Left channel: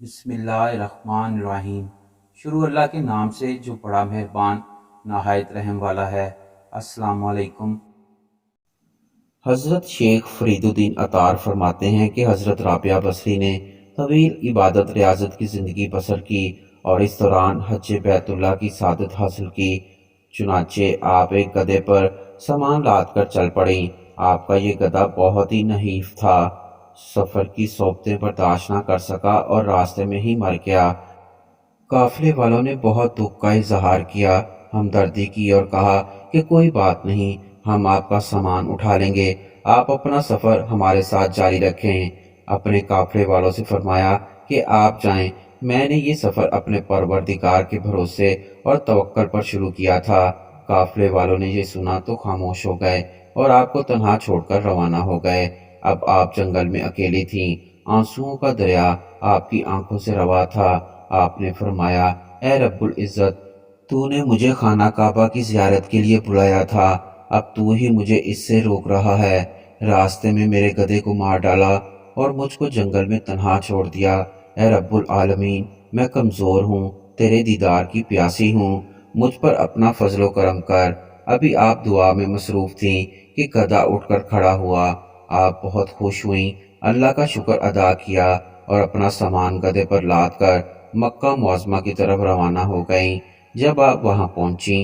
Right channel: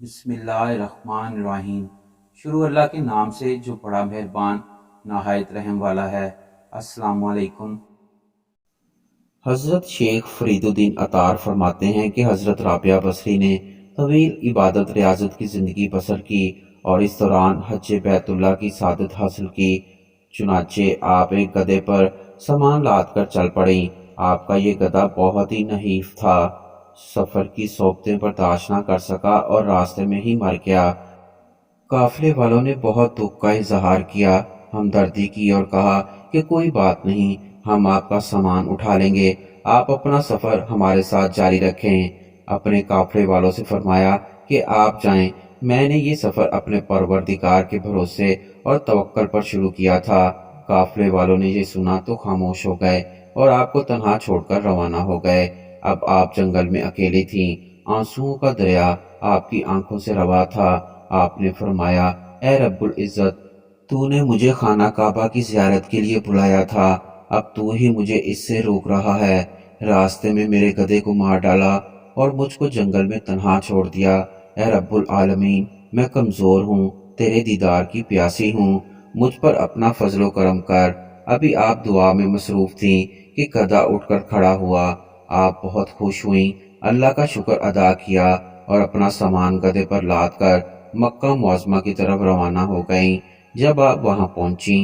बिस्मिल्लाहिर्रहमानिर्रहीम। शुरू अल्लाह के नाम से जो बड़ा मेहरबान नहायत रहम वाला है। अस्सलाम वालेकुम। हज़रत शेख फरीदुद्दीन अतार फरमाते हैं कि हज़रत राबिया बसरी ने तवील इबादत रियाजत की ज़िंदगी बसर की और इस दौरान हज बैतुल्लाह की सादत हासिल की। चुनाचे आप एक गधे पर सामान लाद कर चल पड़ी। आपका ये गधा बहुत ही नहीफ था, सफ़र की सोबतें बर्दाश्त न कर सका और रास्ते में ही मर गया। काफिले वालों ने बहुत दुख का इजहार किया, हमदर्दी की और कहा कि कोई बात नहीं, हम आपका सामान उठा लेंगे, आप अपना सफ़र हमारे साथ जारी रखें। अपने काफिले वालों से फरमाया कि आप जाएं, मैंने ये सफ़र अपने परवरदिगार के भरोसे और तवक्कल पर शुरू किया था। काफिले वालों ने ये सुना तो खामोश हो गए और आपको तन्हा छोड़कर रवाना हो गए। अब आप जंगल में अकेली थीं, आंसुओं का दरिया आपकी आंखों से रवा था। आपने फरमाया, ए रब्बुल इज़्ज़त, तूने मुझे खाना काबा की ज़ियारत के लिए बुलाया था, अब तू ही मुझे इससे रोक रहा है। रास्ते में मेरे गधे को मार डाला और मुझको जंगल में तन्हा छोड़ दिया। ए रब्बुल आलमीन, मैं कमज़ोर हूँ, तेरे दीदार की प्यासी हूँ, मुझ पर अपना फजलो करम कर। अभी आप दुआ में मसरूफ़ थीं कि गधा उठकर खड़ा हुआ। आप बहुत खुश हुईं, अल्लाह का शुक्र अदा किया और अपना सामान गधे पर लाद कर मक्का मुअज़्ज़मा की तरफ रवाना हो गईं। जब आप वहां पहुंची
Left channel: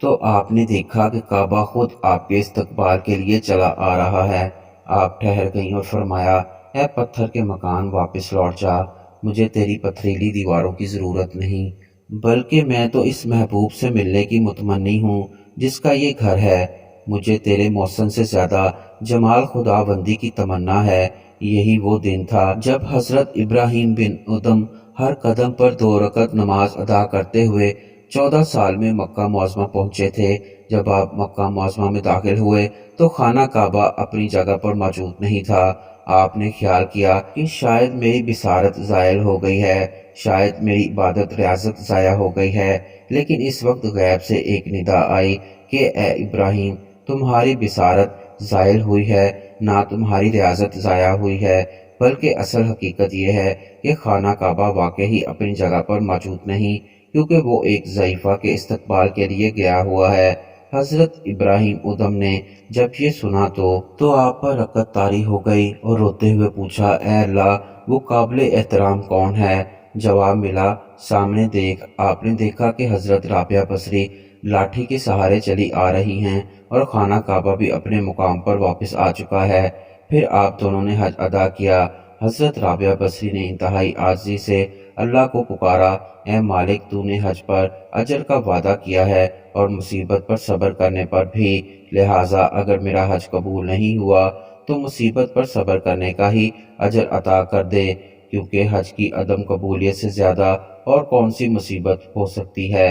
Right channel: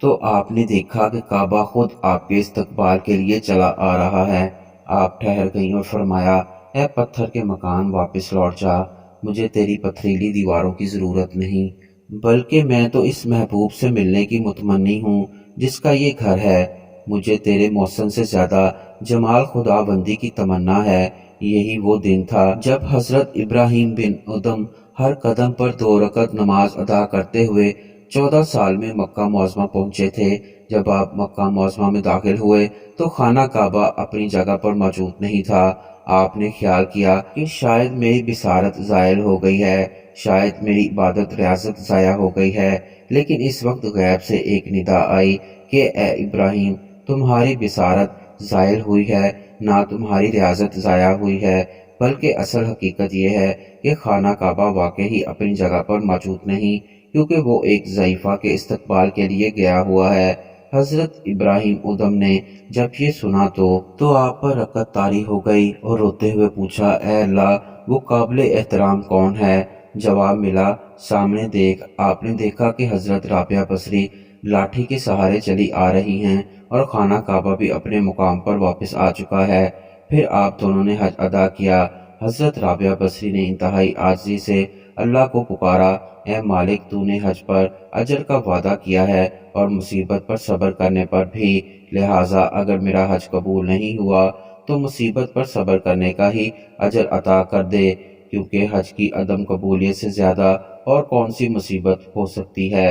तो आपने देखा कि काबा खुद आपके इस्तकबाल के लिए चला आ रहा है। आप ठहर गईं और फरमाया, ए पत्थर के मकान, वापस लौट जा, मुझे तेरी पथरीली दीवारों की ज़रूरत नहीं, बल्कि मैं तो इस महबूब से मिलने की मुतमन्नी हूँ जिसका ये घर है। मुझे तेरे मौसम से ज़्यादा जमाल खुदाबंदी की तमन्ना है। यही वो दिन था जब हज़रत इब्राहीम बिन उदम हर कदम पर 2 रकत नमाज अदा करते हुए 14 साल में मक्का मुअज़्ज़मा पहुँचे थे। जब आप मक्का मुअज़्ज़मा में दाखिल हुए तो खाना काबा अपनी जगह पर मौजूद नहीं था। आपने ख्याल किया कि शायद मेरी बिसारत ज़ायल हो गई है, शायद मेरी इबादत रियाजत ज़ाया हो गई है। लेकिन इस वक्त गैब से एक निदा आई कि ए इब्राहीम, तुम्हारी बिसारत ज़ायल हुई है, ना तुम्हारी रियाजत ज़ाया हुई है, बल्कि असल हकीकत यह है कि खाना काबा वाकई अपनी जगह पर मौजूद नहीं, क्योंकि वो एक ज़ईफ़ा के इस्तकबाल के लिए गया हुआ है। हज़रत इब्राहीम उदम ने जब ये सुना तो आप पर रकत तारी हो गई और रोते हुए पूछा, ए अल्लाह, वो काबिल एहतराम कौन है? जवाब मिला, सामने देख। आपने देखा कि हज़रत राबिया बसरी लाठी के सहारे चली आ रही हैं और खाना काबा भी अपने मुकाम पर वापस आ चुका है। फिर आप दोनों ने हज अदा किया। हज़रत राबिया बसरी ने इंतहाई आजिज़ी से अल्लाह को पुकारा, ए मालिक, तूने हज पर अजर का वादा किया है और मुसीबत पर सब्र करने पर भी, लिहाजा अगर मेरा हज कबूल नहीं हुआ तो मुसीबत पर सब्र करने का ही अजर अता कर दे, क्योंकि हज की अदम कबूलियत से ज़्यादा और कौन सी मुसीबत हो सकती है।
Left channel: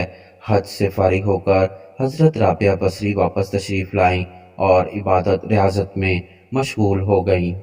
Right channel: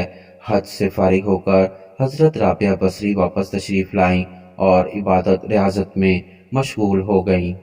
हज से फारिग होकर हज़रत राबिया बसरी वापस तशरीफ़ लाईं और इबादत रियाजत में मशगूल हो गईं।